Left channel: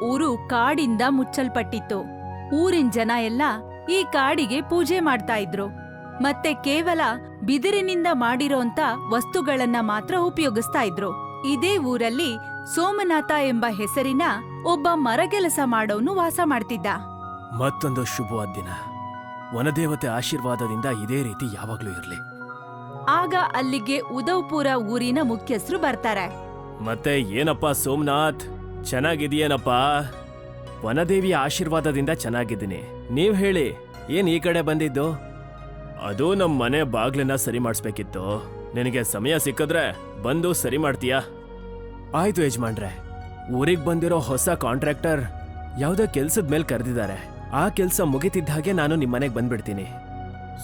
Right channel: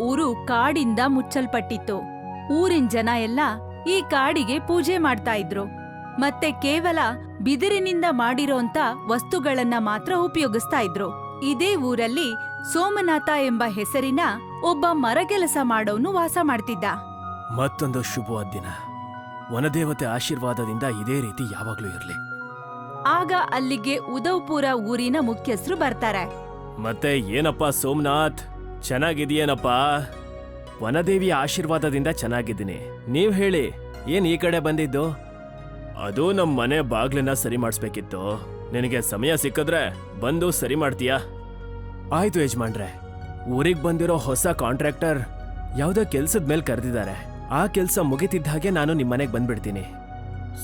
ಊರು ಕಾಡಿಂದ ಮುಚ್ಚಲ್ಪಟ್ಟಿತ್ತು. ಊರಿನ ಜನ ಎಲ್ಲ ಈ ಕಾಡಿಗೆ ಪೂಜೆ ಮಾಡ್ತಾ ಇದ್ರು. ಮತ್ತೆ ಕೇವಲ ಬಿದಿರಿನಿಂದ ಮಾಡಿರೋಂತ ವಸ್ತುಗಳನ್ನ ಮಾತ್ರ ಉಪಯೋಗಿಸ್ತಾ ಇದ್ರು. ಇದೇ ಊರಲ್ಲಿ ಸೋಮನಾಥ ಎಂಬ ಹೆಸರಿನ ಒಬ್ಬ ಮರಗೆಲಸ ಮಾಡೋನು ವಾಸ ಮಾಡ್ತಿದ್ದ. ಮತ್ತೊಂದು ಶುಭವಾದ ದಿನ. ವನದೇವತೆ ಆಶೀರ್ವಾದದಿಂದ ಇದೇ ರೀತಿ ಯಾವಾಗ್ಲೂ ಇರಲಿ. ಆಗ ಅಲ್ಲಿಗೆ ಉದವ್ಪುರ ಊರಿನ ಮುಖ್ಯಸ್ಥರು ಬರ್ತಾರೆ. ಮತ್ತೆ ಏನಪ್ಪ ಸೋಮನಾಥ್? ಚೆನ್ನಾಗಿದೆಯೇನಪ್ಪ ವನದೇವಿ ಆಶೀರ್ವಾದದಿಂದ ಚೆನ್ನಾಗಿದ್ದೀನಿ. ನೀವ್ ಹೇಳಿ, ಏನ್ ಈ ಕಡೆ ಬಂದಿದ್ದು? ಅದು ನಮ್ ಮನೆ ಬಾಗ್ಲನ್ನ ಸರಿ ಮಾಡಿಸ್ಬೇಕಿತ್ತು. ನಿನಗೆ ಸಮಯ ಸಿಕ್ಕಿದ್ರೆ ಬಂದು ಸರಿ ಮಾಡ್ತೀಯಾ? ಆಯ್ತು ಯಜಮಾನ್ರೆ, ಊರಿಗೆ ಬಂದಿರೋ ಹೊಸ ಕಾಂಟ್ರಾಕ್ಟರ್ ಯಾವ್ದೋ ಕೆಲ್ಸದ ಮೇಲೆ ಕರೆದಿದ್ದಾರೆ. ಆ ಕೆಲ್ಸ ಮುಗಿತಿದ್ದ ಹಾಗೆ ನಾನು ನಿಮ್ ಮನೆಗೆ ಬಂದ್ಬಿಡ್ತೀನಿ.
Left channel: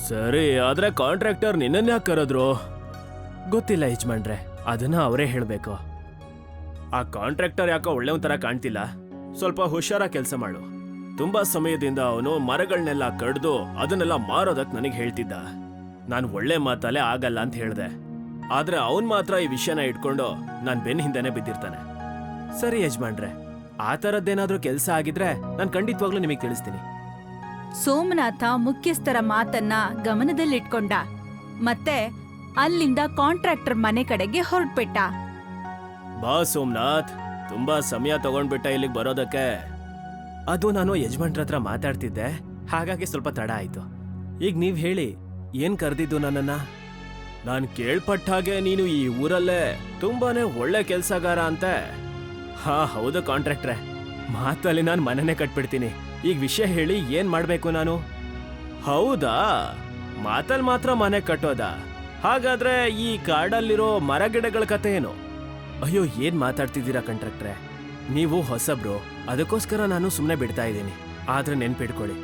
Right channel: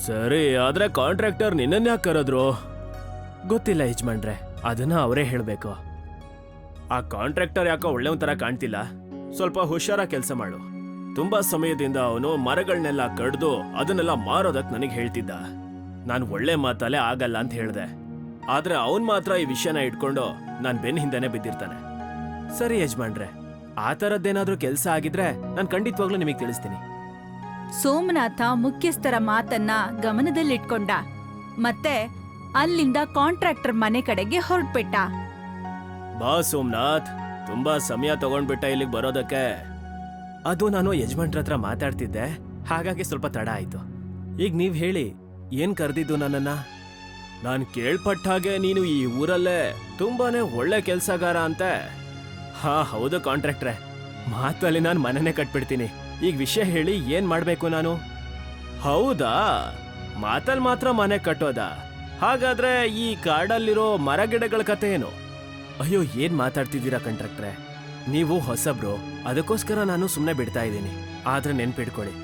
ಸರಿ, ಆದ್ರೆ ಕಾಂಟ್ರಾಕ್ಟರ್ ನಿನ್ನ ಕರೆದ್ರು? ಗೊತ್ತಿಲ್ಲ ಯಜಮಾನ್ರೆ, ಅದನ್ನ ಅವರೇ ಹೇಳ್ಬೇಕು. ಆ ಕಾಂಟ್ರಾಕ್ಟರ್ ಯಾಕೋ ಒಳ್ಳೆವ್ ತರ ಕಾಣ್ತಿಲ್ಲ. ಸ್ವಲ್ಪ ಹುಷಾರ ಕೆಲಸ ಮಾಡು. ತುಂಬಾ ಸಮಯದಿಂದ ಅವನು ಮರಗಳನ್ನೆಲ್ಲ ಕಡ್ದು ಅದನ್ನೆಲ್ಲ ಮಾರೋದಕ್ ನನಗೆ ಹೇಳ್ತಿದ್ದ. ನಾನ್ ಒಳ್ಳೆ ಮಾತಲ್ಲೇ ಆಗಲ್ಲ ಅಂತ ಹೇಳ್ದೆ. ಆದ್ರೆ ಅವನ್ ಮಾತ್ರ ಈ ವಿಷಯನ ಇಟ್ಕೊಂಡು ನಾನ್ ಬೆನ್ ಹಿಂದೆನೆ ಬಿದ್ದಿರ್ತಾನೆ. ಸರಿ ಯಜಮಾನ್ರೆ, ಆ ತರದ್ದೇನಾದ್ರೂ ಕೆಲಸ ಆಗಿದ್ರೆ ನಾನ್ ಖಂಡಿತವಾಗ್ಲೂ ನಿಮಗೆ ತಿಳಿಸ್ತೀನಿ. ಸೋಮನಾಥ ಮುಖ್ಯಸ್ಥರ ಮಾತನ್ನ ಗಮನದಲ್ಲಿಟ್ಕೊಂಡ. ಮತ್ತೆ ಅಲ್ಲಿಂದ ಕಾಂಟ್ರಾಕ್ಟರ್ ಮನೆ ಕಡೆಗೆ ಹೊರಟ್ಬಿಟ್ಟ. ಬಾ ಸೋಮನಾಥ್, ತುಂಬಾ ಸಮಯ ತಗೊಂಡ್ಬಿಟ್ಟ ಇಲ್ಲಿ ಬರೋದಕ್ಕೆ. ಅದು ನಾನು ಯಜಮಾನ್ರ ಹತ್ರ ಮಾತಾಡ್ತಿದ್ದೆ, ಹಾಗಾಗಿ ಸ್ವಲ್ಪ ತಡ ಆಯ್ತು. ಈಗ ನೀವ್ ಹೇಳಿ, ಏನ್ ಕರೆದಿದ್ದು ನನ್ನನ್ನ? ನಾನ್ ಕೇಳ್ಪಟ್ಟ ಹಾಗೆ ನೀನು ಈ ಊರಲ್ಲೇ ತುಂಬಾನೇ ಒಳ್ಳೆ ಕೆಲ್ಸಗಾರ ಅಂತೆ. ಹಾ, ಹೌದು ಕಾಂಟ್ರಾಕ್ಟ್ರೆ. ಮಾತಲ್ಲಿ ನಾನ್ ಮನೆನೇ ಕಟ್ಬಿಡ್ತೀನಿ. ಈಗ ವಿಷಯ ಹೇಳಿ ಏನ್ ಮಾಡ್ಬೇಕು ನಾನು? ಹೌದಾ? ಮಾತಲ್ ಮಾತ್ರ ಮನೆ ಕಟ್ಟೋದಾ? ಹಾಗಾದ್ರೆ ಈ ಕಾಡಲ್ಲಿರೋ ಮರಗಿಡಗಳ ಕತೆ ಏನು? ಅಯ್ಯೋ, ಏನ್ ಮಾತಾಡ್ತಿದ್ದೀರಾ ಕಂಡಕ್ಟ್ರೆ? ನೀವು ಹೊಸಬ್ರು ಅದಕ್ಕೋಸ್ಕರ ನಾನು ಸುಮ್ಮನೆ ಬಿಡ್ತಾ ಇದ್ದೀನಿ. ಆದ್ರೆ ನೆನ್ಪಿಟ್ಕೊಳ್ಳಿ,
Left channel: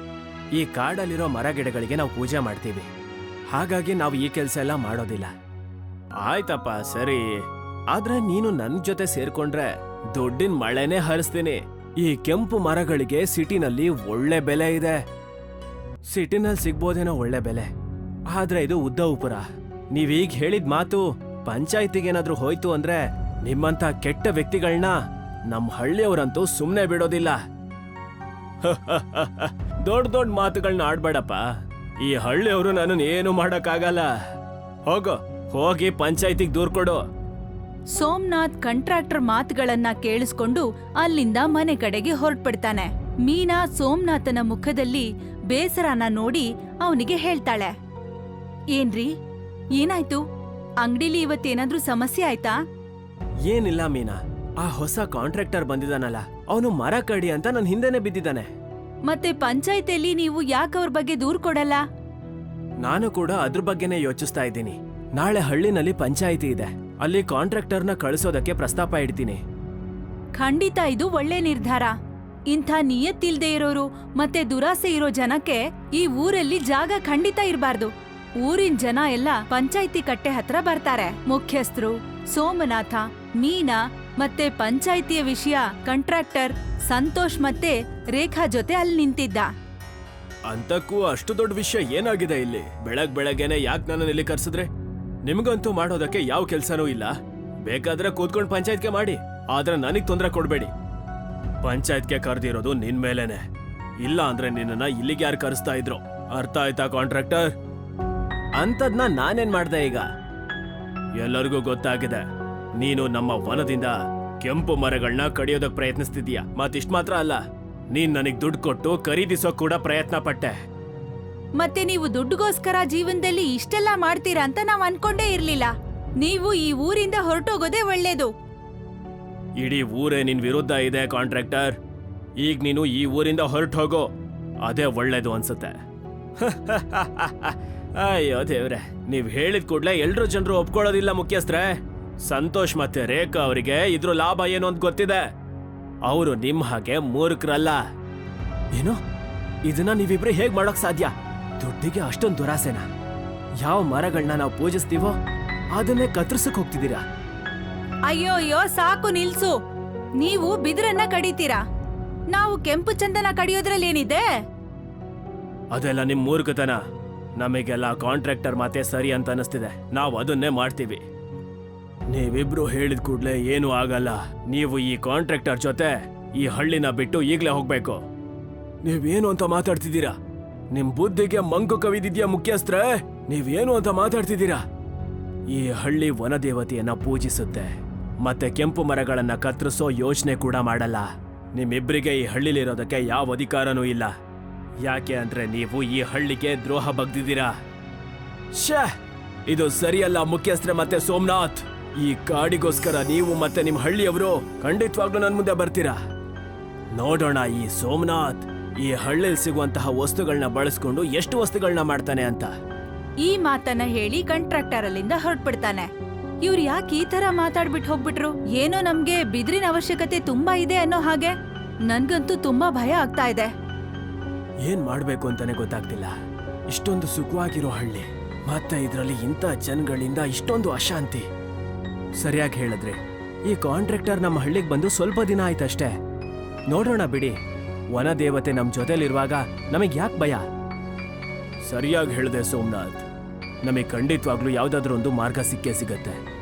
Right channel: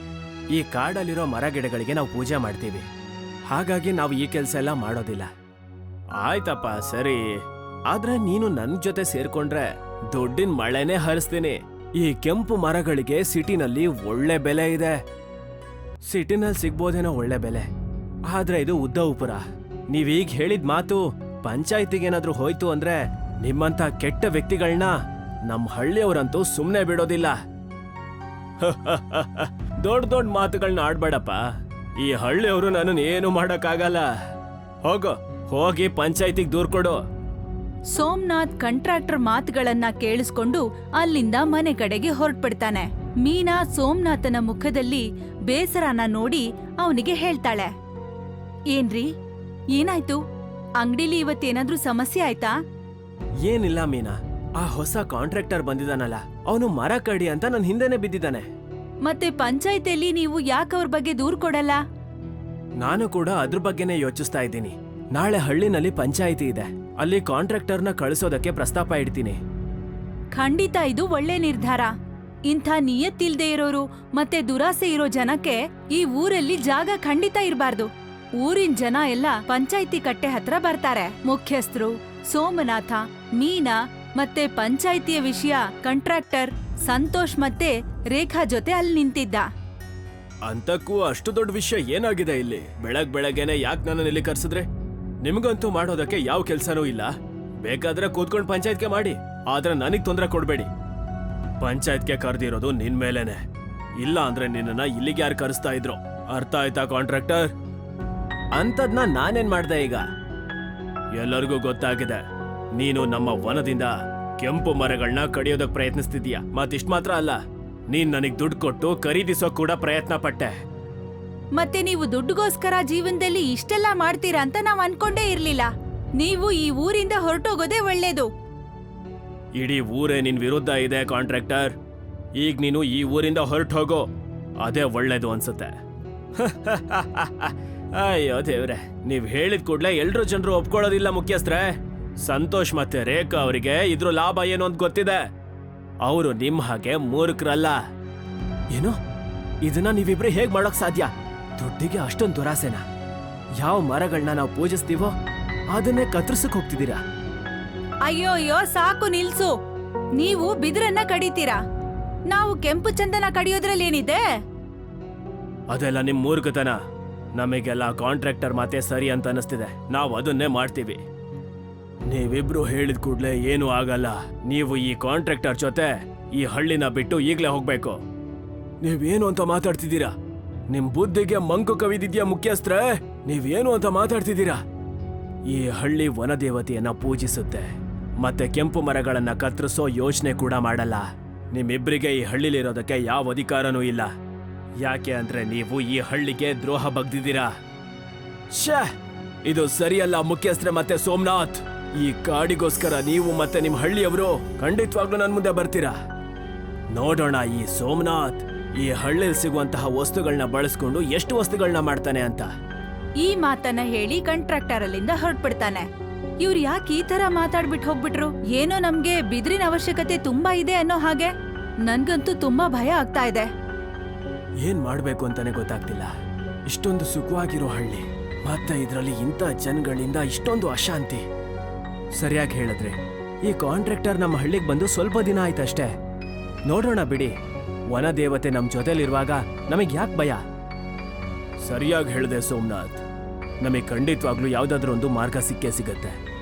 ಈ ಕಾಡಲ್ಲಿರೋ ಮರ ಗಿಡಗಳಿಗೆ ನಾವು ಪೂಜೆ ಮಾಡ್ತೀವಿ. ಹಾಗಾಗಿ ನಾವು ಈ ಕೆಲಸ ಎಲ್ಲ ಮಾಡೋದಿಲ್ಲ. ಆಯ್ತಪ್ಪ, ಸರಿ. ಆದ್ರೆ ನೀನು ನನ್ ಜೊತೆ ಸೇರ್ಕೊಂಡ್ರೆ ದುಡ್ಡಿನ ಮಳೆನೇ ಹರಿಸ್ತೀನಿ. ಈ ಕೆಂಪು ಮರಗಳಿಗೆ ಸಿಟಿನಲ್ಲಿ ಒಳ್ಳೆ ಬೆಲೆ ಇದೆ. ಸಿಟಿನಲ್ಲಿ ಸಿಗ್ಬೋದೇನೋ ಒಳ್ಳೆ ಬೆಲೆ. ಆದ್ರೆ ಇದು ಉದ್ದ ಉಪುರ. ನೀವೀಗ ಹೇಳಿದ ಮಾತು ಪಂಚಾಯತಿಗೇನಾದ್ರೂ ಹೋಯ್ತು ಅಂದ್ರೆ ನಿಮ್ಮಂತ ಕೆಟ್ಟ ವ್ಯಕ್ತಿಗಳನ್ನ ನಮ್ ಹಳ್ಳಿಯವರಂತೂ ಸುಮ್ನೆ ಬಿಡೋದಿಲ್ಲ. ದೊಡ್ಡ ದೊಡ್ಡ ಮಾತುಗಳನ್ನ ಆಡ್ಬೇಡಪ್ಪ. ಈ ಹಳ್ಳಿಯವರು ನಾನು ಏನು ಮಾಡಕ್ಕಾಗಲ್ಲ. ಹೋಗು, ಹೋಗಿ ಪಂಚಾಯತಿಗೆ ದೂರ್ ಕೊಡು. ಸೋಮನಾಥ್ ಕಂಟ್ರಾಕ್ಟರ್ ಮಾತುಗಳನ್ನ ಕೇಳಿಸ್ಕೊಂಡು ಅಲ್ಲಿಂದ ಮನೆ ಕಡೆಗೆ ಹೊರಟ್ಬಿಡ್ತಾನೆ. ಮೀನಾ ಸೋಮನಾಥನ ಮುಖದಲ್ಲಿ ಬೇಸರನ ನೋಡಿ ಅವನಿಗೆ ಹೇಳ್ತಾಳೆ. ಏನ್ರಿ? ಏನಾಯ್ತು? ಅಂಗಡಿಲಿ ಇವತ್ತೇನಾದ್ರೂ ಸಮಸ್ಯೆ ಆಯ್ತಾ? ಏನಿಲ್ಲ ಮೀನಾ. ಆ ಹೊಸ ಕಾಂಟ್ರಾಕ್ಟರ್ ಬಂದಿದಾನಲ್ಲ. ಅವನು ಮರ ಕಡಿ ಅಂತ ನನ್ ಹಿಂದೆನೆ ಬಿದ್ದಿದ್ದಾನೆ. ಮತ್ತೆ ಪಂಚಾಯತಿಯಲ್ಲಿ ನೀವು ಯಾಕೆ ಅವ್ರ ಬಗ್ಗೆ ದೂರ್ ಕೊಡಲ್ಲ? ನಾನು ಕೂಡ ಅದ್ರ ಬಗ್ಗೆನೇ ಯೋಚಿಸ್ತಾ ಇದ್ದೀನಿ. ನಾಳೆ ಹಳ್ಳಿನಲ್ಲಿ ಪಂಚಾಯಿತಿ ಇದೆ. ಅಲ್ಲಿ ಕಾಂಟ್ರಾಕ್ಟರ್ನ ಕಳಿಸೋದಕ್ಕೆ ಪ್ರಸ್ತಾಪ ಇಡ್ತೀನಿ. ಖಂಡಿತ ಇದು ಒಳ್ಳೆ ನಿರ್ಧಾರ. ಇಂಥ ನಿಯತ್ತಿಲ್ದೇ ಇರೋರು ಮತ್ತೆ ದುರಾಸೆ ಇರೋ ಜನಕ್ಕೆ ಈ ಊರಲ್ಲಿ ಜಾಗ ಖಂಡಿತ ಇರಬಾರ್ದು. ಊರಿನ ಜನ ಎಲ್ಲ ಪಂಚಾಯಿತಿ ಕಟ್ಟೆ ಹತ್ರ ಬರ್ತಾರೆ. ಮುಖ್ಯಸ್ಥರು, ಸೋಮನಾಥ, ಮೀನಾ ಮತ್ತೆ ಪಂಚಾಯಿತಿಯ ವಿಷಯ ಕಾಂಟ್ರಾಕ್ಟರ್ ಸಂತೋಷ್ ಮತ್ತೆ ರೇಖಾ ಜೊತೆ ಅಲ್ಲಿ ನಿಂತಿದ್ದ. ಅಂತಕ್ಕೂ ಅಷ್ಟು ದೊಡ್ಡ ವಿಷಯ ಏನಾಗಿದೆ ಇಲ್ಲಿ? ಬೆಳಗ್ ಬೆಳಗ್ಗೆನೆ ಯಾಕೆ ನನ್ನ ಇಲ್ಲಿ ಕರ್ಸಿದ್ರೆ? ನಿಮ್ಗಂತೂ ಮಾಡೋದಕ್ಕೆ ಯಾವ ಕೆಲ್ಸನೂ ಇಲ್ಲ. ಬೇಕಾದ್ರೆ ಕೂತ್ಕೊಂಡು ಪಂಚಾಯತ್ಗೆ ಮಾಡಿ. ಆದ್ರೆ ನನಗ್ ತೊಂದರೆ ಕೊಡ್ಬೇಡಿ. ಪಂಚಾಯತ್ಗೆ ಕರೆದಿರೋದು ನಿನ್ ಮೇಲೇನೆ. ಇಲ್ಲ ಅಂದ್ರೆ ನಿನ್ನನ್ನ ಇಲ್ಲಿಗೆ ಯಾರು ಕರೆಸ್ತಾ ಇದ್ರು? ಅರ್ಥ ಆಯ್ತಾ ಕಾಂಟ್ರಾಕ್ಟರ್ ಅಂತದ್ನ ನಾನೇನ್ ಮಾಡ್ದೆ ಈಗ? ಎಲ್ಲರಿಗೂ ಗೊತ್ತಾಗಿದೆ. ನೀನು ನಮ್ಮ ವನದಿಂದ ಕೆಂಪು ಮರಗಳನ್ನ ಕಡಿಯೋದಕ್ಕೆ ಪ್ರಯತ್ನಿಸ್ತಿದೀಯ ಮತ್ತಿಷ್ಟು ಮಾತ್ರ ಅಲ್ಲ ನೀನ್ ನನಗ್ ದುಡ್ಡು ಕೊಟ್ಟು ಖರೀದಿಸೋ ಕೂಡ ಪ್ರಯತ್ನ ಪಟ್ಟೆ. ಮತ್ತೆ ನೀವು ದುಡ್ಡುಗೋಸ್ಕರ ಜೀವನದಲ್ಲಿ ಇಷ್ಟೆಲ್ಲ ಮಾಡ್ತೀರಾ ಅಂತ ನಾವ್ ಅನ್ಕೊಂಡೇ ಇರ್ಲಿಲ್ಲ. ನೀವು ಈ ಊರಿಂದ ಹೊರಟೋಗೋದೇ ಒಳ್ಳೇದು. ಇಡೀ ಊರೇ ನಿನ್ ವಿರುದ್ಧ ಇದೆ ಕಾಂಟ್ರಾಕ್ಟರ್. ಈಗ ನೀನು ಈ ಊರಿಂದ ಹೊರಟು ಹೋಗೋ ಅದೇ ಒಳ್ಳೇದು ಅನ್ಸುತ್ತೆ. ಅಯ್ಯೋ ದೇವ್ರೆ ನೀವ್ ಹೇಳಿದ ಕೂಡ್ಲೆ ಎಲ್ರು ಜನರು ಒಪ್ಕೊಳ್ಳೋದಿಲ್ಲ ಮುಖ್ಯಸ್ಥರೇ. ಸಂತೋಷ್ ಮತ್ತೆ ರೇಖಾ ಅವರಿಗೆ ಇದ್ರ ಲಾಭ ಏನು ಅಂತ ಗೊತ್ತಿದೆ. ಅವರು ನಿಮ್ ಹಾಗೆ ಮೂರ್ಖರಲ್ಲ. ಏನು? ಇದನ್ನ ನೀವಿಬ್ರು ಹೇಗ್ ಮಾಡೋಕ್ ಸಾಧ್ಯ? ದುಡ್ಡಿಗೆ ಅಷ್ಟೊಂದು ದುರಾಸೆನ? ಯಾವ ಮರಗಳನ್ನ ನಾವು ಪೂಜಿಸ್ತೀವೋ ಅದನ್ನೇ ಕತ್ತರಿಸಕ್ ಹೋಗ್ತಿದ್ದೀರಾ? ಅಯ್ಯೋ ಅಯ್ಯೋ ಸಾಕು ನಿಲ್ಸು. ನೀವು ಬಿದಿರನ್ನ ಕಡಿತೀರಾ? ನಾವು ಕೆಂಪು ಚಂದನ ಕಡಿಯೋದ್ರಲ್ಲಿ ಏನಿದೆ? ಅದೆಲ್ಲ ನಿಮ್ ಮೂರ್ಖತನ. ನಮಗೆಲ್ಲ ಕಾಂಟ್ರಾಕ್ಟರ್ ಮಾತೇ ಸರಿ ಅಂತ ಅನಿಸ್ತಿದೆ. ನಾವು ಅದನ್ನೇ ಮಾಡ್ತೀವಿ. ನೀವಿಬ್ರು ಹೇಳಿದ ಕೂಡಲೇ ಏನು ಆಗಲ್ಲ. ನೀವು ಈ ಕಾಂಟ್ರಾಕ್ಟರ್ ಜೊತೆ ಈ ಹಳ್ಳಿನ ಬಿಟ್ಟು ಈಗ್ಲೇ ಹೋಗ್ಬೇಕು. ನೀವೇನು ಅಂತ ಮಾತಾಡ್ತಿದ್ದೀರಾ? ನಿಮ್ ಬುದ್ಧಿಗೆ ಮಂಗು ಕವಿದಿದ್ಯಾ ಮುಖ್ಯಸ್ಥರೇ? ನೀವೇನು ಅಂತ ಮಾತಾಡ್ತಿದ್ದೀರಾ? ಈ ಹಳ್ಳಿ ವನದೇವತೆಯನ್ನ ಪೂಜಿಸುತ್ತೆ. ಮತ್ತೆ ಕೆಂಪು ಮರಗಳನ್ನ ಕತ್ತರಿಸೋ ಯೋಚನೆ ಕೂಡ ಮಾಡಲ್ಲ. ನಿಮ್ಮಿಬ್ಬರಿಗೆ ಈ ಹಳ್ಳಿಲಿರೋದಕ್ಕೆ ಯಾವ ಅಧಿಕಾರನೂ ಇಲ್ಲ. ಯಾಕೆ ಅಂದ್ರೆ ನೀವು ಈ ಹಳ್ಳಿಗೆ ದ್ರೋಹ ಬಗ್ದಿದ್ದೀರಾ ಶ್ಯಾ ಇದು ಸರಿಯಲ್ಲ ಮುಖ್ಯಸ್ಥರೆ ಮತ್ತೆ ಸೋಮನಾಥ್. ಈ ಕಾಡಿಗೋಸ್ಕರ ನೀವು ಮತ್ತೆ ನಿಮ್ ಹಳ್ಳಿಯವರು ಖಂಡಿತವಾಗ್ಲೂ ನನ್ ಮುಂದೆ ಬರ್ತೀರಾ? ನೋಡೋಣ ಈ ಸೋಮನಾಥ್ ಈ ಹಳ್ಳಿಯಲ್ಲಿ ಸಿಗುವಂತಹ ವಸ್ತುಗಳನ್ನ ಬಳಸ್ಕೊಂಡು ಎಷ್ಟು ವಸ್ತುಗಳನ್ನ ಮಾಡ್ತಾನೆ ಅಂತ. ಈ ಮಾತನ್ನ ಹೇಳಿ ಕಂಟ್ರಾಕ್ಟರ್ ಅಲ್ಲಿಂದ ಹೊರಟ್ಬಿಡ್ತಾನೆ. ಇವ್ರು ಯಾಕೆ ಈ ತರ ಮಾತಾಡ್ಬಿಟ್ಟು ಹೋಗ್ಬಿಟ್ರು? ಏನೋ ನಮ್ಗೆ ಬಿದಿರಿನ ಅವಶ್ಯಕತೆ ತುಂಬಾ ಇದೆ ಅನ್ನೋ ಹಾಗೆ. ನನ್ಗಂತೂ ತುಂಬಾ ಭಯ ಆಗ್ತಾ ಇದೆ. ಏನ್ ಮಾಡ್ಬೇಕು ಅಂತಾನೆ ಗೊತ್ತಾಗ್ತಿಲ್ಲ. ಇಷ್ಟೊಂದು ಸುಖವಾಗಿರೋ ಹಳ್ಳಿ. ಮತ್ತೆ ಇದರಲ್ಲಿ ಇಂಥ ಜನಗಳಿಂದ ಇಷ್ಟೊಂದು ಅಶಾಂತಿ. ಸರಿಯಾಗಿ ಹೇಳಿದ್ರೆ, ಈ ಕಾಂಟ್ರಾಕ್ಟರ್ ನಮ್ಮ ಹಳ್ಳಿಗೆ ಬಂದು ಸ್ವಲ್ಪ ದಿನ ಆಯ್ತಷ್ಟೇ. ನೋಡೋಣ ಬಿಡಿ. ವನ ದೇವತೆ ನಮ್ ಜೊತೆಲಿರುವಾಗ ನಮಗ್ ಯಾಕೆ ಭಯ? ಸರಿಯಾಗಿ ಹೇಳಿದೆ ಸೋಮನಾಥ್. ನಮಗೆ ಖಂಡಿತವಾಗ್ಲೂ ಯಾವ್ದಾದ್ರೂ ಒಂದು ಮಾರ್ಗ ಸಿಕ್ಕೇ ಸಿಗತ್ತೆ.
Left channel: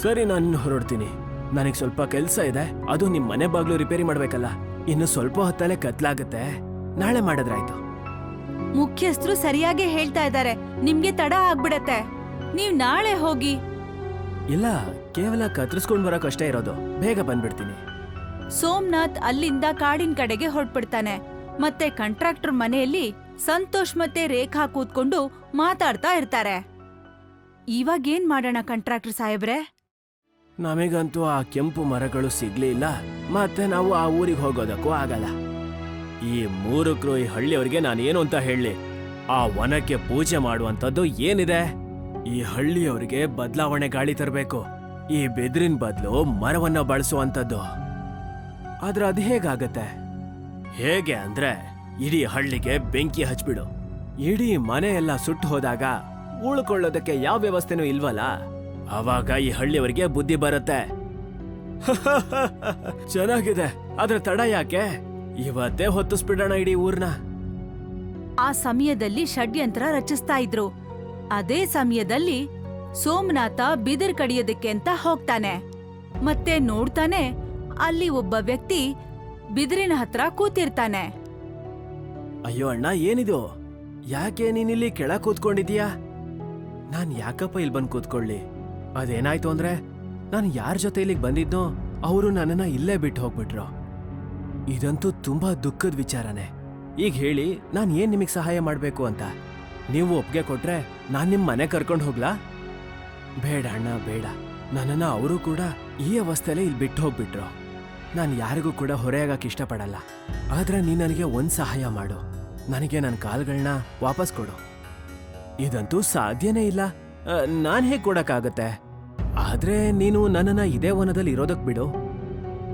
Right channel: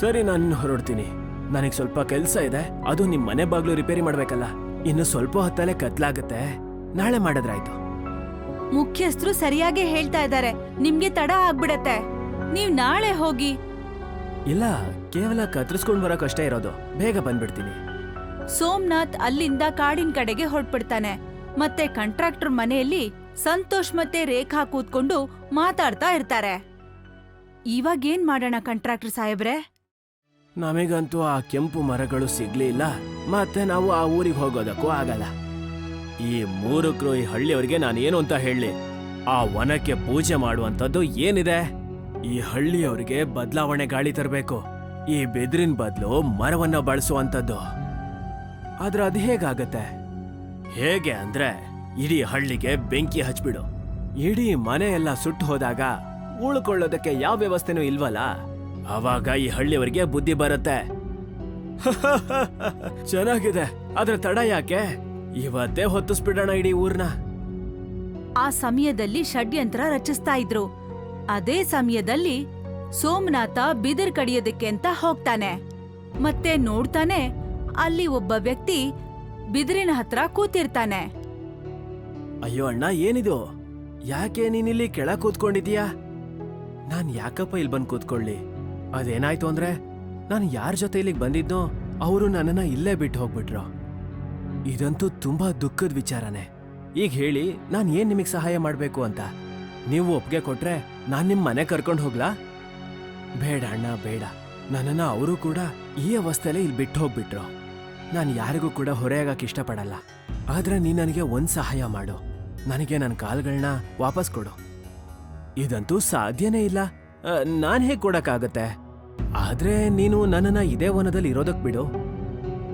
ಸರಿ, ನಾನು ಹೊರಡ್ತೀನಿ. ನನಗೆ ಸ್ವಲ್ಪ ಕೆಲಸ ಇದೆ. ಅದು ನಿಮ್ಮ ಮನೆ ಬಾಗ್ಲು ರಿಪೇರಿ ಮಾಡ್ಬೇಕಲ್ಲ. ಇನ್ನು ಸ್ವಲ್ಪ ಹೊತ್ತಲ್ಲೇ ಕತ್ಲಾಗತ್ತೆ. ನಾಳೆ ಮಾಡಿದ್ರಾಯ್ತು. ಮುಖ್ಯಸ್ಥರು ಸರಿಯಾಗಿ ಹೇಳ್ತಾ ಇದ್ದಾರೆ. ನಿಮ್ಗೆ ತಡ ಆಗ್ಬಿಡತ್ತೆ. ನೀವ್ ನಾಳೆ ಹೋಗಿ. ಇಲ್ಲ ಕೇವಲ ಕತ್ರಿಸ್ಕೊಂಡ್ ಬರೋಕ್ ಅಷ್ಟೇ ಇರೋದು. ಬೇಗ ಬಂದ್ಬಿಡ್ತೀನಿ. ಸೋಮನಾಥ್ ಅಲ್ಲಿಂದ ಕಾಡಿನ ಕಡೆಗೆ ಹೊರಟ್ಬಿಡ್ತಾನೆ. ಮತ್ತೆ ಕಾಂಟ್ರಾಕ್ಟರ್ ಮನೆಯಲ್ಲಿ ಸಂತೋಷ್ ಮತ್ತೆ ರೇಖಾ ಕೂತ್ಕೊಂಡು ಮಾತಾಡ್ತಾ ಇರ್ತಾರೆ. ಇವಾಗ ಏನ್ ಮಾಡೋಣ ಕಾಂಟ್ರಾಕ್ಟರ್ ಸಾಹೇಬ್ರೆ? ನಮಗಂತೂ ಆ ಕೆಂಪು ಮರಗಳು ಸಿಗ್ಲಿಲ್ಲ. ಮತ್ತೆ ನಾವು ಆ ಊರಿಗೆ ಹೋಗೋದಕ್ಕೂ ಆಗಲ್ಲ. ಈ ಮೂರು ಈ ಹಳ್ಳಿಯವರಿಗೆ ನಾನು ಏನು ಅಂತ ಹೇಳಿ, ಆ ವನಕ್ಕೆ ಪೂಜೆ ಮಾಡುವಂತದ್ದು ಏನಿದೆ? ಈ ಹಳ್ಳಿಯವರಿಗೆ ಬದಲಾವಣೆ ಗಾಳಿ ತರಬೇಕು. ಈ ಬೆದರಿನ ಬದಲು ಮರವನ್ನ ಬಳಸುವಂತದ್ದು ಆದ್ರೆ ಅದು ಹೇಗಾಗತ್ತೆ? ಹೇಗೆ ಅಂದ್ರೆ, ಇಡೀ ಹಳ್ಳಿಗೆ ಬೆಂಕಿ ಹಚ್ಬಿಡು. ಇಡೀ ಮನೆ ಎಲ್ಲ ಸುಟ್ಟು ಹೋದಾಗ ಉಳ್ಕೊಳ್ಳೋದಕ್ಕೆ ಯಾವ ವ್ಯವಸ್ಥೆನೂ ಇಲ್ವಲ್ಲ? ಅವಾಗ ಈ ಹಳ್ಳಿಯವರಿಗೆ ಬುದ್ಧಿ ಬರುತ್ತೆ. ಚೆನ್ನಾಗಿದೆ. ಆದ್ರೆ ತಡ ಯಾಕೆ? ಇವತ್ತೇ ಹೊತ್ತಿಸ್ಬಿಡೋಣ ಇಡೀ ಊರ್ನ. ಆ ಸಮಯದಲ್ಲಿ ಷಡ್ಯಂತ್ರ ರಚಿಸ್ತಾ ಇದ್ರು. ಅದೇ ಸಮಯದಲ್ಲಿ ಸೋಮನಾಥ ಬಿದಿರ್ ಕಡಿಯೋದಕ್ಕೆ ಅಂತ ಹೋಗ್ತಾನೆ. ಮತ್ತೆ ನೋಡ್ತಾನೆ ಅಲ್ಲಿ ಒಬ್ಬ ವ್ಯಕ್ತಿ ಬಿದಿರಿನ ಹತ್ರ ಕೂತಿರ್ತಾನೆ. ಅಯ್ಯೋ ಅಣ್ಣ ಏನಿದು? ಯಾಕೆ ನೀನಿಲ್ಲಿ ಕೆಳ ಕೂತ್ಕೊಂಡಿದ್ಯಾ ನಾನ್ ಯಾಕಪ್ಪ ಇಲ್ಲಿ ಬಂದ್ ಕೂತ್ಕೊಳ್ಳಿ? ಅದೇನಾಯ್ತು ಅಂದ್ರೆ ನಾನು ಯಾರ ಜೊತೆ ಇಲ್ಲಿಗೆ ಬಂದಿದ್ನೋ ಅವರು ನನ್ನನ್ನ ಇಲ್ಲೇ ಬಿಟ್ಟು ಹೋಗ್ಬಿಟ್ರು. ಇದಂತೂ ತುಂಬಾ ದುಃಖದ ವಿಚಾರನೆ. ಈಗ ಹೇಳಿ, ನಾನು ಏನ್ ನಿಮಗೆ ಸಹಾಯ ಮಾಡಬೇಕು ಅಂತ? ನೀವು ಒಪ್ಪಿಗೆ ಕೊಟ್ರೆ ನಾನು ನಿಮ್ಮ ಮನೆ ಕರ್ಕೊಂಡು ಹೋಗ್ಲಾ? ಬೇಡ ಅಣ್ಣ, ಬೇಡ. ನನ್ನನ್ನು ಅವರು ಕೂಡ ಈ ಅವಸ್ಥೆಯಲ್ಲಿ ಇಲ್ಲಿ ಬಿಟ್ಟು ಹೋಗ್ಬಿಟ್ರು. ನಾನು ಯಾರಿಗೂ ಕೂಡ ಹೊರೆಯಾಗಕ್ಕೆ ಇಷ್ಟಪಡಲ್ಲ. ಆದ್ರೆ ನೀ ನನಗೆ ಒಂದು ಸಹಾಯ ಮಾಡು. ನನಗೆ ನನ್ನ ಕಾಲ್ಗಳನ್ನ ವಾಪಸ್ ಕೊಡು. ಇದಂತೂ ಸಾಧ್ಯನೇ ಇಲ್ಲ. ನಾನು ಹೇಗೆ ಕೊಡಕ್ಕಾಗತ್ತೆ? ಆದ್ರೆ ನೀನು ನನ್ನನ್ನ ಇದೇ ವನದಲ್ಲಿ ಇರೋದಕ್ಕೆ ಬಿಡು.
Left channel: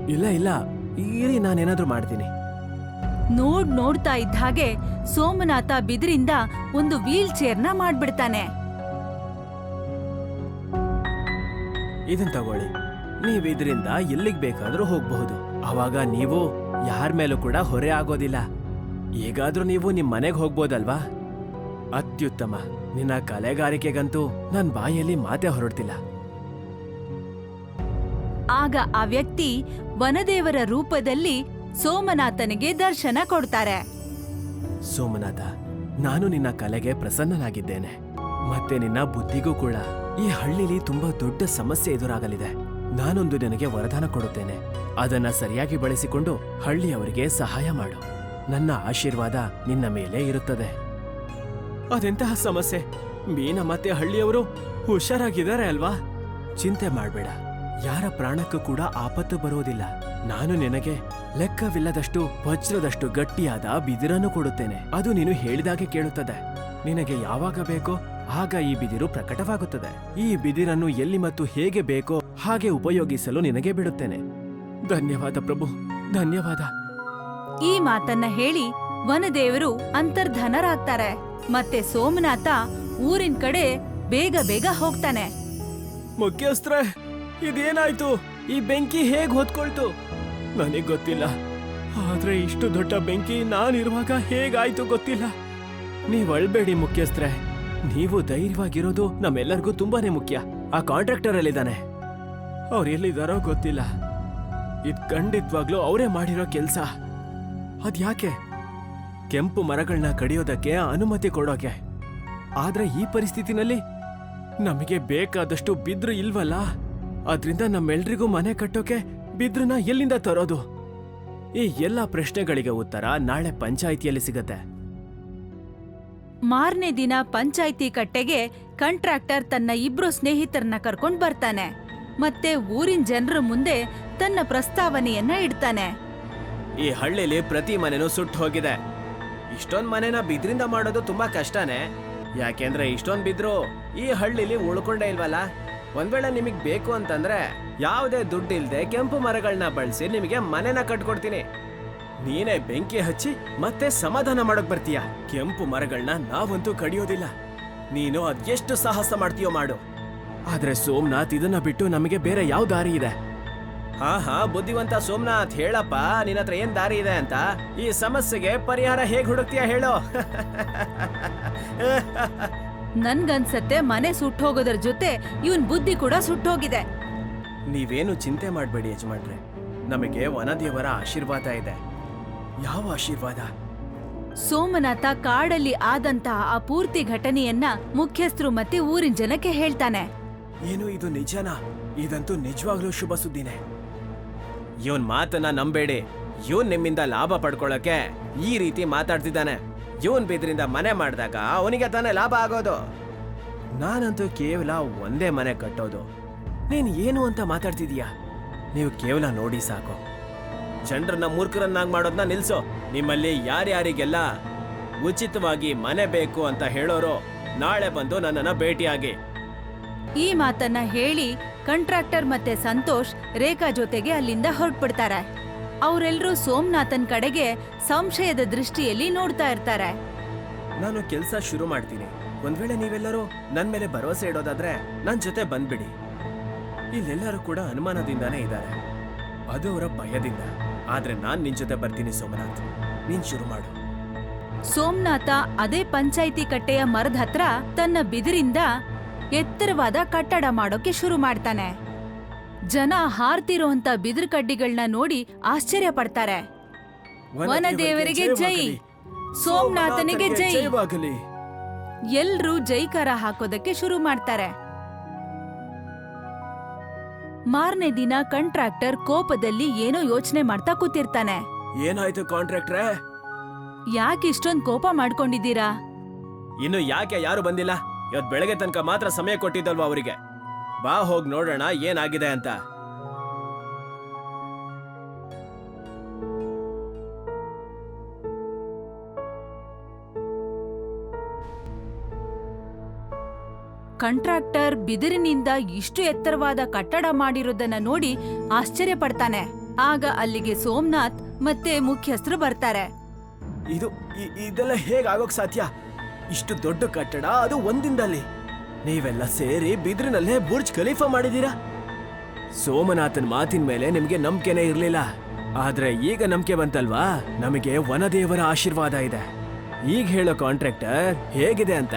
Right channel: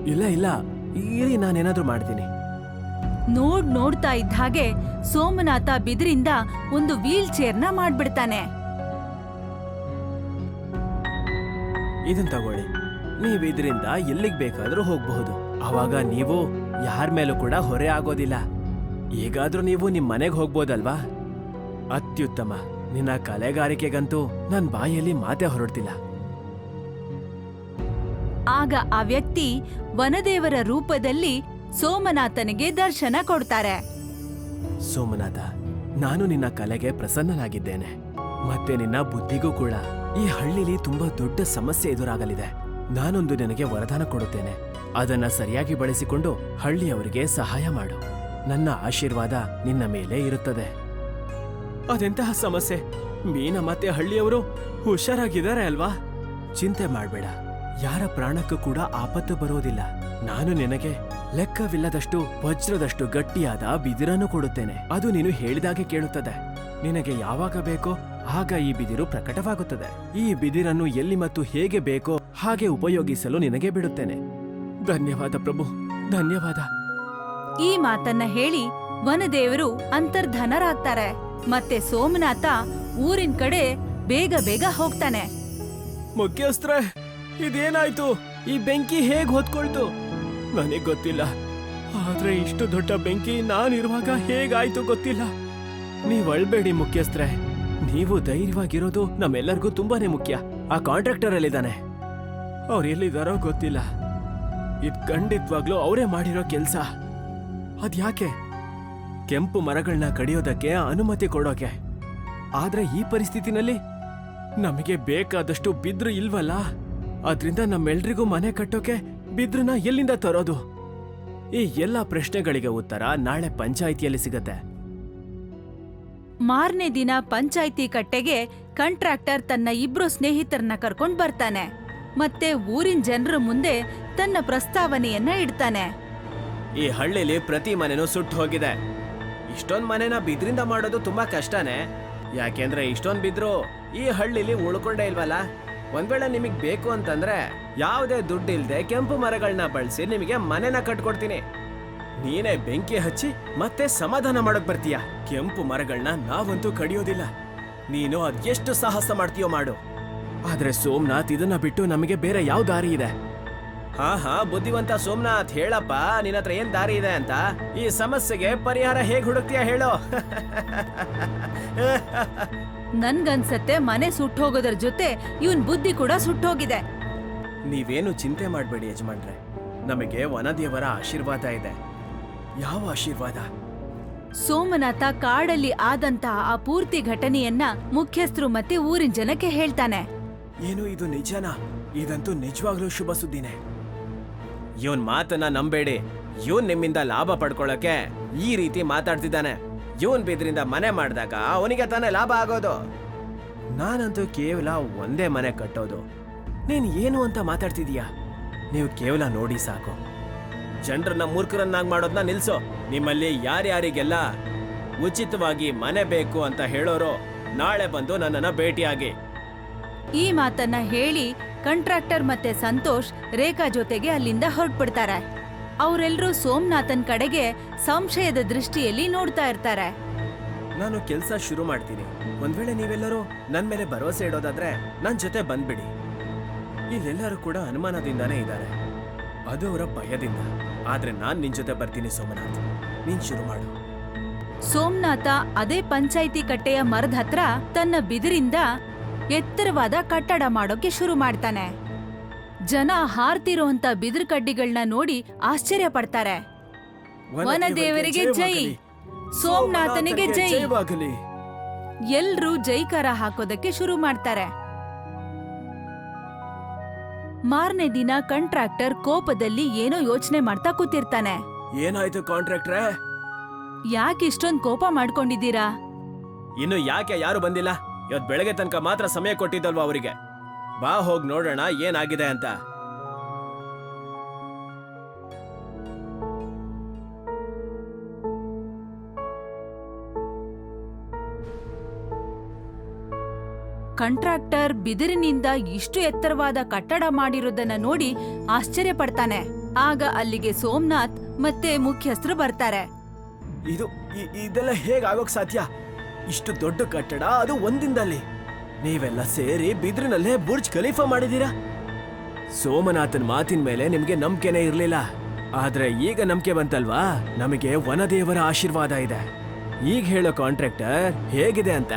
ಇಲ್ಲ ಇಲ್ಲ. ಇಲ್ಲಿ ನಾನೇನಾದ್ರೂ ಮಾಡ್ತೀನಿ. ನೋಡ್ ನೋಡ್ತಾ ಇದ್ದ ಹಾಗೆ ಸೋಮನಾಥ ಬಿದಿರಿಂದ ಒಂದು ವೀಲ್ ಚೇರ್ನ ಮಾಡ್ಬಿಡ್ತಾನೆ. ಇದನ್ ತಗೊಳ್ಳಿ. ನೀವ್ ಇದರಿಂದ ಎಲ್ಲಿಗ್ ಬೇಕಾದ್ರೂ ಹೋಗ್ಬಹುದು. ಅವಾಗ ನೀವು ಯಾರ ಮೇಲೂ ಕೂಡ ಹೊರೆ ಆಗೋದಿಲ್ಲ. ಈಗಾದ್ರೂ ನೀವು ನಿಮ್ ಮನೆಗ್ ಹೋಗ್ಬೋದಲ್ವಾ? ಅತ್ಯುತ್ತಮ. ನಿನ್ನ ಕಲೆಗಾರಿಕೆಗಂತೂ ನನ್ ಬಾಯಲ್ಲಿ ಮಾತೇ ಹೊರಡ್ತಿಲ್ಲ. ಆಗ ಆ ವ್ಯಕ್ತಿ ವನದೇವರ ರೂಪದಲ್ಲಿ ಸೋಮನಾಥನಿಗೆ ದರ್ಶನ ಕೊಡ್ತಾರೆ. ಸೋಮನಾಥ, ನಾನು ನಿನ್ನ ಕಲೆಗೆ ಪ್ರಸನ್ನನಾಗಿದ್ದೇನೆ. ಮತ್ತೆ ನಿನ್ನ ಬುದ್ಧಿಗೂ ಕೂಡ ಈ ಹಳ್ಳಿಲಿ ತುಂಬಾ ದೊಡ್ಡ ಸಮಸ್ಯೆ ಎದುರಾಗಲಿದೆ. ನಾನೊಂದು ನಿನಗೆ ವರದಾನ ಕೊಡುತ್ತೇನೆ. ಅದನ್ನ ಸರಿಯಾಗಿ ಬಳಸಿಕೊಂಡು ಹಳ್ಳಿಯವರಿಗೆ ಸಹಾಯ ಮಾಡು. ನನ್ನ ಆಶೀರ್ವಾದ ನಿನ್ನ ಮೇಲೆ ಇರುತ್ತದೆ. ಅದೆಂತಹ ಸಮಸ್ಯೆ? ಮೀನ ಮತ್ತೆ ಹಳ್ಳಿಯವರು ಹುಷಾರಾಗಿದ್ದಾರೆ ಅಲ್ವಾ? ಚಿಂತೆ ಮಾಡ್ಬೇಡ. ಯಾರ ಪ್ರಾಣಕ್ಕೂ ಕೂಡ ಆಪತ್ತು ಬರುವುದಿಲ್ಲ. ನಾನು ನಿನಗೆ ಲೆಕ್ಕವಿಲ್ಲದಷ್ಟು ವಜ್ರದಷ್ಟು ಗಟ್ಟಿಯಾದ ಬಿದಿರನ್ನು ಕೊಡುತ್ತೇನೆ. ಅದು ನೀನು ಹೇಳಿದಾಗೆ ಕೇಳುತ್ತದೆ. ನಿನಗೆ ಯಾವಾಗ ಬೇಕೋ ಆಗ ಈ ಬಿದಿರು ಪ್ರಕಟವಾಗುತ್ತದೆ. ಈ ಬಿದಿರನ್ನು ಎಲ್ಲಿ ಮತ್ತು ಹೇಗೆ ಬೇಕೋ ಹಾಗೆ ಉಪಯೋಗಿಸಲು ನಿನಗೆ ಬಿಡುತ್ತೇನೆ. ಧನ್ಯವಾದ ಪ್ರಭು ಧನ್ಯವಾದ. ಈ ಮಾತನ್ನ ಹೇಳಿ ವನದೇವರು ಅಂತರ್ಧನರಾಗ್ತಾರೆ. ಮತ್ತೆ ಸೋಮನಾಥ ಊರಿನ ಕಡೆ ಬೇಗ ಬೇಗ ಹೋಗ್ತಾನೆ. ಮುಖ್ಯಸ್ಥರೇ ಇದೇನಾಯ್ತು? ಈ ಬೆಂಕಿ ಹೇಗ್ ಹೊತ್ಕೊಳ್ತು? ನನಗೆ ಗೊತ್ತಿಲ್ಲ. ಆದ್ರೆ ಇಷ್ಟು ದೊಡ್ಡ ಬೆಂಕಿ ನಾನಿರುವಾಗ ಹೇಗಾಯ್ತು ಗೊತ್ತಿಲ್ಲ. ನೀವ್ ಅಳ್ಬೇಡಿ ಮುಖ್ಯಸ್ಥರೇ. ನೀವು ಧೈರ್ಯವಾಗಿರೋದು ನಮ್ಮೆಲ್ಲರಿಗೂ ತುಂಬಾನೇ ಮುಖ್ಯ. ಆ ಕಾಂಟ್ರಾಕ್ಟರ್ ಅಲ್ಲಿದ್ದಾನೆ ಅವ್ರು ಎಲ್ಲಿದಾರೋ ಗೊತ್ತಿಲ್ಲ. ಇದ್ ಖಂಡಿತವಾಗ್ಲೂ ಅವರೇ ಮಾಡಿರೋ ಕೆಲ್ಸ. ಅದ್ಯಾಕೆ ಕೆಂಪು ಮರಗಳನ್ನ ಕಡಿಯೋದಕ್ಕೆ ಅನುಮತಿ ಕೊಡೋಕೆ. ಆದ್ರೆ ಈ ಪರಿಸ್ಥಿತಿನಲ್ಲಿ ನಮಗೆ ಬೇಕಾದಷ್ಟು ಬಿದ್ರು ಇಲ್ವಲ್ಲ? ಆದ್ರಿಂದ ನಮ್ಮೆಲ್ರಿಗೂ ಮನೆ ಕಟ್ಟೋಕೆ ಬಿದ್ರನ್ನ ಎಲ್ಲಿಂದ ತರೋದು? ಈ ಎಲ್ಲಾ ಪ್ರಶ್ನೆಗಳಿಗೆ ಉತ್ತರ ನಾಳೆ ಪಂಚಾಯಿತಿಯಲ್ಲಿ ಸಿಗತ್ತೆ. ಮಾರನೇ ದಿನ ಪಂಚಾಯಿತಿ ಕಟ್ಟೆಗೆ ಕಂಟ್ರಾಕ್ಟರ್ ತನ್ನ ಇಬ್ರು ಸ್ನೇಹಿತರನ್ನ ಕರ್ಕೊಂಡ್ ಬರ್ತಾನೆ. ಮತ್ತೆ ಊರಿನ ಜನರ ಮುಂದೆ ತನ್ನ ಪ್ರಸ್ತಾವನೆಯನ್ನ ಇಡ್ತಾನೆ. ಈ ಹಳ್ಳಿಲಿ ಪ್ರತಿ ಮನೆನೂ ಸುಟ್ಟು ಹೋಗಿದೆ. ಇಷ್ಟೊಂದ್ ಮನೆನ ಬಿದ್ರಿಂದ ಮಾಡೋದು ತುಂಬಾ ಕಷ್ಟನೇ. ಯಾಕೆಂದ್ರೆ ಇಷ್ಟೊಂದ್ ಬಿದ್ರು ಈ ಹಳ್ಳಿಲಿ ಉಳ್ಕೊಂಡೇ ಇಲ್ವಲ್ಲ? ಒಂದ್ ವೇಳೆ ನಿಮಗ್ ಬೇಕು ಅಂತಂದ್ರೆ ಯಾವುದೇ ದುಡ್ಡು ಇಲ್ದೆ ಕೆಂಪು ಮರಗಳನ್ನ ಬಳಸಿ ನಿಮಗೆ ಮನೆನ ಕಟ್ಕೊಡ್ತೀನಿ. ನೀನೇ ಬೆಂಕಿ ಹಚ್ಚಿ ಮತ್ತೆ ಸಮಾಧಾನ ಮಾಡಕ್ ಬರ್ತೀಯ? ಕೆಂಪು ಮರಗಳನ್ನ ನಾವಂತೂ ಕಡಿಯೋದಿಲ್ಲ ನೀನು ಅದೆಷ್ಟು ಸಾಹಸ ಮಾಡ್ತೀಯೋ ಮಾಡು. ಆದ್ರೆ ಸೋಮನಾಥ್ ಇದನ್ನ ಬಿಟ್ಟು ನಮಗೆ ಬೇರೆ ಯಾವ ದಾರಿ ಇದೆ? ಹಾ ಹಾ ಬುದ್ಧಿವಂತ ಸೋಮನಾಥ್ ಹೇಳಪ್ಪ, ನಿನ್ನ ಹತ್ರ ಏನ್ ದಾರಿ ಇದೆ ಅಂತ? ಈ ಸಮಸ್ಯೆಗೆ ಪರಿಹಾರ ಹೇಗ್ ಹುಡುಕ್ತೀಯ ಹೇಳೋ? ನನ್ಗನ್ಸತ್ತೆ ಮನೆ ಸುಟ್ಟೋಗೋದ್ರ ಜೊತೆ ಇವನ್ ಬುದ್ಧಿ ಕೂಡ ಸುಟ್ಟೋಗಿದೆ. ನೀವೇನು ಚಿಂತೆ ಮಾಡ್ಬೇಡಿ ಯಜಮಾನ್ರೆ. ನಮಗೆ ವನದೇವರ ಆಶೀರ್ವಾದ ಇದೆ. ಯಾವ ಆಶೀರ್ವಾದ? ಸೋಮನಾಥ ಕಾಡಲ್ಲಿ ಆದಂತ ಆ ಪೂರ್ತಿ ಘಟನೆಯನ್ನ ಮುಖ್ಯಸ್ಥರು ಮತ್ತೆ ಊರಿನ ಜನಕ್ಕೆ ಹೇಳ್ತಾನೆ. ಏನು ಇದು ನಿಜನಾ? ಇದಂತೂ ನಿಜವಾಗ್ಲೂ ಶುಭ ಸುದ್ದಿನೇ. ಇವನ್ ಮಾತನ್ನ ನಂಬೇಡಿ. ಇವನ್ ನಿಮ್ಮಿಂದ ಲಾಭ ಪಡ್ಕೊಳ್ಳಕ್ಕೆ ಈ ರೀತಿ ಮಾತಾಡ್ತಿದ್ದಾನೆ. ಇವನ್ ಬಿದ್ರಿಂದ ಮನೆ ಮಾಡಿದಾಗ ಅವನಿಗೆ ತಾನೇ ಲಾಭ ಆಗೋದು. ನಾನಂತೂ ಕೇವಲ ಒಂದೇ ಮನೆ ಕಟ್ಟೋದು. ನೀನ್ ಏನು ಅಂತ ಮಾತಾಡ್ತಿದೀಯ? ನೀವು ಕೇವಲ ನೋಡಿ ಸಾಕು. ಜನರನ್ನ ಮೂರ್ಖರನ್ನಾಗಿ ಮಾಡೋದನ್ನ ನಿಲ್ಸು. ನಿಮ್ಮಲ್ಲಿ ಯಾರ್ಯಾರಿಗೆಲ್ಲ ಉಚಿತವಾಗಿ ಮನೆ ಬೇಕು ಅಂತ ಹೇಳೋರು ನಾಳೆ ಬಂದು ನನ್ನನ್ನ ಭೇಟಿಯಾಗಿ. ಈ ಮಾತನ್ನ ಹೇಳಿ ಕಂಟ್ರಾಕ್ಟರ್ ಮತ್ತೆ ಸಂತೋಷ್ ರೇಖಾ ಜೊತೆಗೆ ಅಲ್ಲಿಂದ ಹೊರಟ್ಬಿಡ್ತಾರೆ. ಅವರೆಲ್ಲರೂ ಸೋಮನಾಥನ್ ಕಡೆಗೆ ಸಂಶಯದ ದೃಷ್ಟಿಯಲ್ಲಿ ನೋಡ್ತಾ ಇರ್ತಾರೆ. ನಾನು ಕೆಲಸ ಶುರು ಮಾಡ್ತೀನಿ. ಒಂದ್ ವೇಳೆ ನೀವೆಲ್ಲರೂ ನನ್ ಮೇಲೆ ಭರವಸೆ ಇಡೋದಾದ್ರೆ ನನ್ ಜೊತೆ ಬಂದ್ಬಿಡಿ. ಇಲ್ಲೆಲ್ಲರೂ ಕೂಡ ಅನುಮಾನದಿಂದಾನೇ ಇದ್ದಾರೆ. ಅದು ಅವರ ಭಯದಿಂದ. ಆದ್ರೆ ನಾನ್ ನಿನ್ ಜೊತೆ ಬರ್ತೀನಿ ಸೋಮನಾಥ್. ನೀನ್ ಶುರು ಮಾಡು. ಸೋಮನಾಥ ಅದೇ ಪಂಚಾಯಿತಿ ಕಟ್ಟೆಯ ಮರದ ಹತ್ರ ತನ್ನ ಬಿದಿರಿಂದ ಎತ್ತರವಾದ ಕಟ್ಟಡ ಮಾಡೋಕೆ ಶುರು ಮಾಡ್ತಾನೆ. ಜನ ಹಾರ್ತಿರುವಂತ ಬಿದಿರು ಕಡ್ಡಿಗಳನ್ನ ನೋಡಿ ಆಶ್ಚರ್ಯ ಪಡ್ತಾರೆ. ವನದೇವರಿಗೆ ಜೈ. ಸೋಮನಾಥನಿಗೆ ಜೈ. ಎಲ್ಲರೂ ಎಲ್ರೂ ಜೈಕಾರ ಹಾಕೋದಕ್ಕೆ ಶುರು ಮಾಡ್ತಾರೆ. ಮಾರನೇ ದಿನ ಕಾಂಟ್ರಾಕ್ಟರ್ ಕೋಪದಲ್ಲಿ ಏನೋ ಯೋಚನೆ ಮಾಡ್ತಾ ಕೂತಿರ್ತಾನೆ. ಏನಾಯ್ತು ಕಾಂಟ್ರಾಕ್ಟ್ರೆ? ಯಾಕೆ ಇಷ್ಟೊಂದ್ ಕೋಪ ಮಾಡ್ಕೊಂಡಿದ್ದೀರಾ? ಇನ್ನು ಯಾಕೆ ಯಾರು ಬಂದಿಲ್ಲ? ಇವತ್ತು ಬೆಳಗ್ಗೆ ತನಕ ಮಾತ್ರ ಸಮಯ ಕೊಟ್ಟಿದ್ದಲ್ವಾ ಅವರಿಗೆ? ಬಾ ಹೋಗ್ ನೋಡೋಣ ಏನಾಗಿದೆ ಅಂತ. ಕಾಂಟ್ರಾಕ್ಟರ್ ಬಿದಿರಿನಿಂದ ಇಷ್ಟು ಎತ್ತರವಾದ ಕಟ್ಟಡ ಮಾಡಿರೋದನ್ನ ನೋಡಿ ಆಶ್ಚರ್ಯ ಪಡ್ತಾನೆ. ಆಗ ಅಲ್ಲಿಗೆ ಸೋಮನಾಥ್ ಮತ್ತೆ ಮುಖ್ಯಸ್ಥರು ಬರ್ತಾರೆ. ಇದು ಇದೆಲ್ಲ ಹೇಗಾಗೋಕ್ ಆಗೋಕ್ ಸಾಧ್ಯ? ಇಷ್ಟು ದೊಡ್ಡ ಕಟ್ಟಡ ಅದು ಒಂದಿಂದಲ್ಲಿ ನೀವೆಲ್ಲ ಸೇರಿ ಬಿದಿರಿನಲ್ಲೇ ಬುರ್ಜ್ ಖಲೀಫಾ ಮಾಡಿದೀರಾ ಸೋಮನಾಥನ್ ಮಾತಿನ ಮೇಲೆ ನಿಮ್ಗೆ ನಂಬಿಕೆನೇ ಇರ್ಲಿಲ್ಲ. ಆದ್ರೆ ಈಗ ನಂಬಿಕೆ ಬಂತಲ್ವಾ? ನಮಗೆ ವನದೇವರ ಆಶೀರ್ವಾದ ಇದೆ. ಈಗ ಹೇಳೋ ಕಾಂಟ್ರಾಕ್ಟರ್ ಹೇಗಿದೆ ಅಂತ?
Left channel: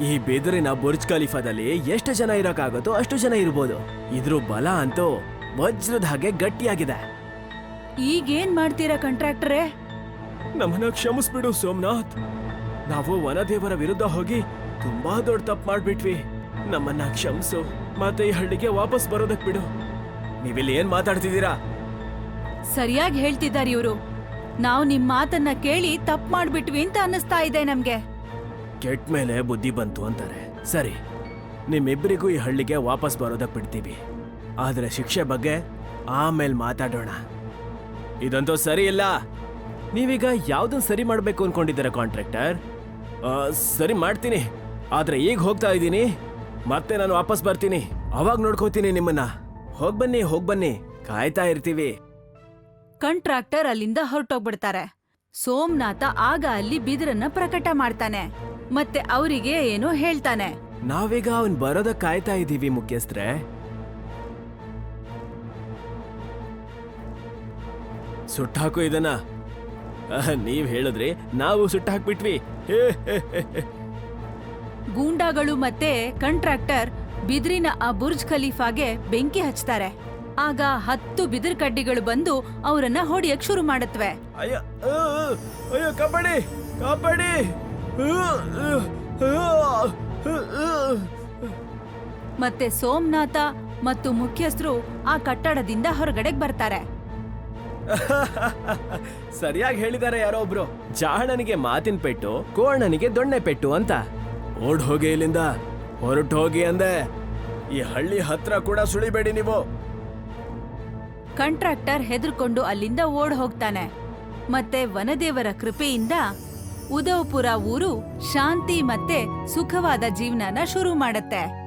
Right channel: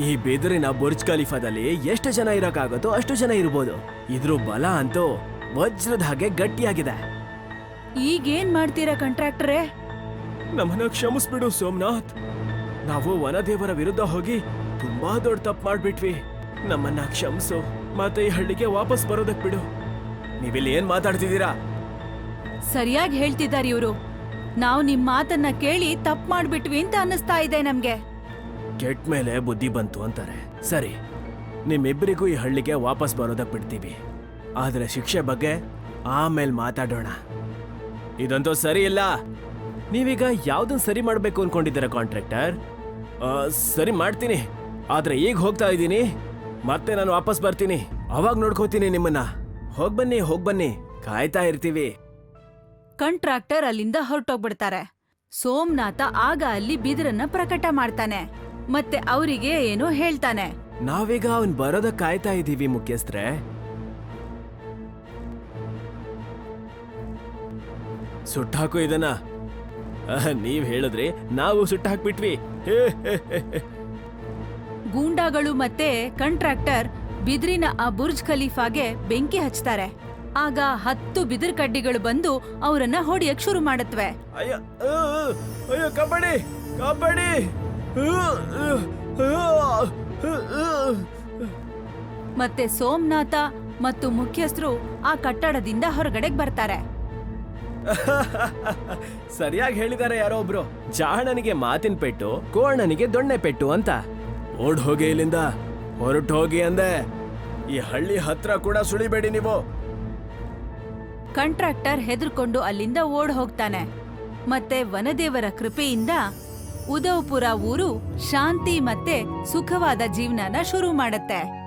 ಈ ಬಿದಿರಿನ ಬುರ್ಜ್ ಖಲೀಫಾದಲ್ಲಿ ಎಷ್ಟು ಜನ ಇರೋಕ್ಕಾಗುತ್ತೋ ಅಷ್ಟು ಜನ ಇರ್ಬೋದು. ಇದ್ರ ಬಲ ಅಂತೂ ವಜ್ರದ ಹಾಗೆ ಗಟ್ಟಿಯಾಗಿದೆ. ಈಗೇನ್ ಮಾಡ್ತೀರಾ ಕಾಂಟ್ರಾಕ್ಟರೇ? ನಮ್ಮನ್ನ ಕ್ಷಮಿಸ್ಬಿಡು ಸೋಮನಾಥ್. ನಾವು ವನದೇವರ ವಿರುದ್ಧ ಹೋಗಿ ತುಂಬಾ ದೊಡ್ಡ ತಪ್ಪು ಮಾಡ್ಬಿಟ್ವಿ. ನಮ್ಮನ್ನ ಕ್ಷಮಿಸು ಮತ್ತೆ ಈ ಹಳ್ಳಿಗೆ ವಾಪಸ್ ಬರೋದಕ್ ಬಿಡು. ನೀವಿಲ್ಲಿ ಏನ್ ಮಾತಾಡ್ತಿದ್ದೀರಾ? ಸರಿಯಾಗಿ ಹೇಳ್ತಿದ್ದಾರೆ ಇವರು. ನಾವು ನಿಮ್ ಮಾತನ್ನ ಕೇಳಿ ತಪ್ಪು ಮಾಡ್ಬಿಟ್ವಿ ಅಂತ ಅನಿಸ್ತಾ ಇದೆ ನಮ್ಗೆ. ಕೆಟ್ಟ ಮೇಲೆ ಬುದ್ಧಿ ಬಂತು ಅಂತಾರೆ. ಸರಿ ನಿಮ್ಮಿಬ್ಬರಿಗೂ ಈ ಹಳ್ಳಿಗೆ ವಾಪಸ್ ಬರೋದಕ್ ಬಿಡ್ತೀವಿ. ಆದ್ರೆ ಶಿಕ್ಷೆ ಬಗ್ಗೆ ಆಮೇಲೆ ಮಾತಾಡೋಣ. ಇದಂತೂ ಸರಿ ಇಲ್ಲ. ನೀವೀಗ ಯಾವ್ದನ್ ಸರಿ ಮಾಡ್ಬೇಕು ಅನ್ಕೊಂಡಿದ್ದೀರಾ ಕಾಂಟ್ರಾಕ್ಟರ್? ಸರಿ ಮಾಡ್ತೀನಿ. ಆದ್ರೆ ಈಗ ಹೋಗ್ತಾ ಇದ್ದೀನಿ. ಮತ್ತೆ ನಾನು ವಾಪಸ್ ಬರ್ತೀನಿ. ಅವಾಗ ನೋಡ್ಕೋತೀನಿ ನಿಮ್ಮನ್ನ. ಹೋಗ್ಬನ್ನಿ ಹೋಗ್ಬನ್ನಿ ಕಾಯ್ತಾ ಇರ್ತೀವಿ. ಕಂಟ್ರಾಕ್ಟರ್ ಅಲ್ಲಿಂದ ಹೊರಟೋಗ್ಬಿಡ್ತಾರೆ. ಸೋಮನಾಥ ಆಗ ಅಲ್ಲಿ ಬಿದಿರನ್ನ ಪ್ರಕಟ ಮಾಡ್ತಾನೆ. ಮತ್ತೆ ಅವರಿಗೆ ಏನೋ ಹೇಳ್ತಾನೆ. ನಾವೀಗ ಅವನ್ ಬರೋದ ಕಾಯ್ತಾ ಇದೀವಿ ಮುಖ್ಯಸ್ಥ್ರೆ. ಸುಟ್ಟಾಕು ಇದನ್ನ. ನೀವ್ ಹೇಳಿದ್ರಿ ನಾವು ಸುಟ್ಟಾಕ್ಬಿಟ್ವಿ ಗೂಂಡಾಗಳು ಮತ್ತೆ ಕಂಟ್ರಾಕ್ಟರ್ ಬಿದಿರಿನ ಆ ಬುರ್ಜ್ ಖಲೀಫಾಗೆ ಬೆಂಕಿ ಹಚ್ತಾರೆ. ಆಗ ಹತ್ತು ಬಿದಿರ್ ಕಡ್ಡಿಗಳು ಬಂದು ಅವರನ್ನ ಹೊಡಿಯಕ್ ಶುರು ಮಾಡತ್ವೆ. ಮತ್ತೆ ಸೋಮನಾಥ ಮತ್ತು ಮುಖ್ಯಸ್ಥರು ಆ ಕಟ್ಟಡದಿಂದ ಹೊರಗಡೆ ಬರ್ತಾರೆ. ಸರಿಯಾಗಿ ಹೇಳಿದ್ದಾರೆ ಯಾರೋ ಒಬ್ರು. ಜಾಣನಿಗೆ ಮಾತಿನ ಪೆಟ್ಟು ಕೋಣನಿಗೆ ದೊಣ್ಣೆ ಪೆಟ್ಟು ಅಂತ. ಓಡ್ ಹೋಗಿ ಇಲ್ಲಿಂದ, ಹೊರಟು ಹೋಗಿ ಅಂದೆ, ಈ ಹಳ್ಳಿ ಹತ್ರ ಕೂಡ ಸುಳಿಬೇಡಿ ನೀವು. ಕಾಂಟ್ರಾಕ್ಟರ್ ಹೆದರ್ಕೊಂಡು ಅಲ್ಲಿಂದ ಓಡ್ ಹೋಗ್ತಾನೆ. ಮತ್ತೆ ವನದೇವರ ಕೃಪೆಯಿಂದ ಉದಯಪುರ ಊರು ಶಾಂತಿ ಮತ್ತೆ ಸುಖವಾದ ಜೀವನನ ಶುರು ಮಾಡತ್ತೆ.